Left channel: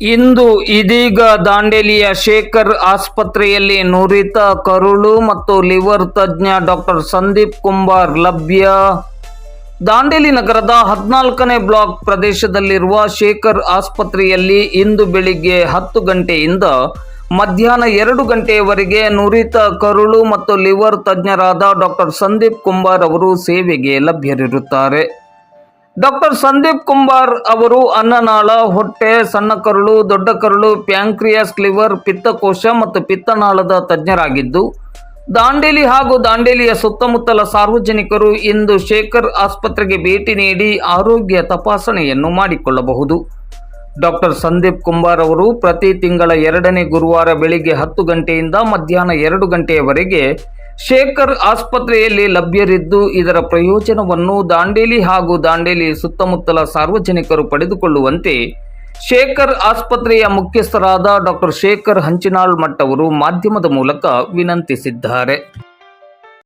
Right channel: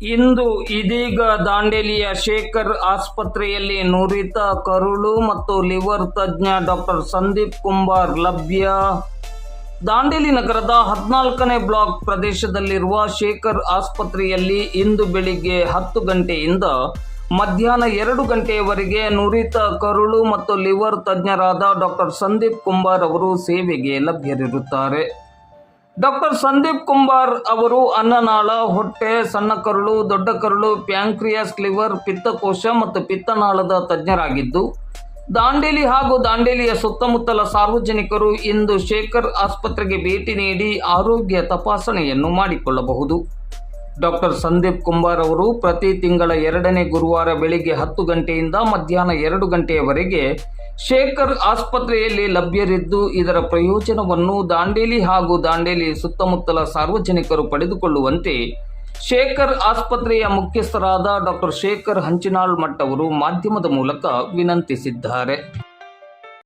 ಇಂದು ಇದೀಗ ದಾಂಡೇಲಿಯ ಶೇಖರ್ ಆಸ್ಪತ್ರೆಯಲ್ಲಿ ನುರಿತ ಕರುಳು ಮತ್ತು ಲಿವರ್ ತಜ್ಞ ಡಾಕ್ಟರ್ ಸಂದೀಪ್ ಕುಂಬಾರ್ ಲಭ್ಯ. ದಾಂಡೇಲಿ ನಗರದ ಹದಿನಾಲ್ಕನೇ ಬ್ಲಾಕ್ ಪ್ರದೇಶದಲ್ಲಿರುವ ಶೇಖರ್ ಆಸ್ಪತ್ರೆಯಲ್ಲಿ ಇಂದು ಬೆಳಿಗ್ಗೆ ಹತ್ತು ಗಂಟೆಯಿಂದ ಮಧ್ಯಾಹ್ನ ಎರಡು ಗಂಟೆಯವರೆಗೆ ನುರಿತ ಕರುಳು ಮತ್ತು ಲಿವರ್ ತಜ್ಞರಾದ ಡಾಕ್ಟರ್ ಸಂದೀಪ್ ಕುಂಬಾರ್ ಅವರು ಸೇವೆಗೆ ಲಭ್ಯರಿರುತ್ತಾರೆ. ಡಾಕ್ಟರ್ ಸಂದೀಪ್ ಕುಂಬಾರ್ ಅವರು ಅನ್ನನಾಳ, ಹೊಟ್ಟೆ, ಸಣ್ಣ ಕರುಳು, ದೊಡ್ಡ ಕರುಳು, ಪ್ಯಾಂಕ್ರಿಯಾಸ್, ಲಿವರ್, ಪಿತ್ತಕೋಶ ಮತ್ತು ಪಿತ್ತನಾಳದ ತಜ್ಞರಾಗಿದ್ದು, ದಾಂಡೇಲಿ ಹಾಗೂ ದಾಂಡೇಲಿಯ ಸುತ್ತಮುತ್ತಲ ಸಾರ್ವಜನಿಕರು ಇಂದು ಶೇಖರ್ ಆಸ್ಪತ್ರೆಗೆ ಭೇಟಿ ನೀಡಿ ಆರೋಗ್ಯ ತಪಾಸಣೆಯನ್ನು ಮಾಡಿಕೊಳ್ಳಬಹುದು. ಡಾಕ್ಟರ್ ಸಂದೀಪ್ ಕುಂಬಾರ್ ಅವರು ಪ್ರತಿ ತಿಂಗಳ ಎರಡನೇ ಗುರುವಾರ ಬೆಳಿಗ್ಗೆ ಹತ್ತು ಗಂಟೆಯಿಂದ ಮಧ್ಯಾಹ್ನ ಎರಡು ಗಂಟೆಯವರೆಗೆ ಶೇಖರ್ ಆಸ್ಪತ್ರೆಯಲ್ಲಿ ಲಭ್ಯರಿದ್ದು ಇದರ ಪ್ರಯೋಜನವನ್ನು ದಾಂಡೇಲಿ ಹಾಗೂ ದಾಂಡೇಲಿ ಸುತ್ತಮುತ್ತಲ ಸಾರ್ವಜನಿಕರು ಪಡೆದುಕೊಳ್ಳುವಂತೆ ಶೇಖರ್ ಆಸ್ಪತ್ರೆಯ ಮುಖ್ಯಸ್ಥರಾದ ಡಾಕ್ಟರ್ ಶೇಖರ್ ಹಂಚಿನಾಳ್ ಮಠ್ ಅವರು ಮಾಧ್ಯಮದ ಮೂಲಕ ವಿನಂತಿಸಿದ್ದಾರೆ.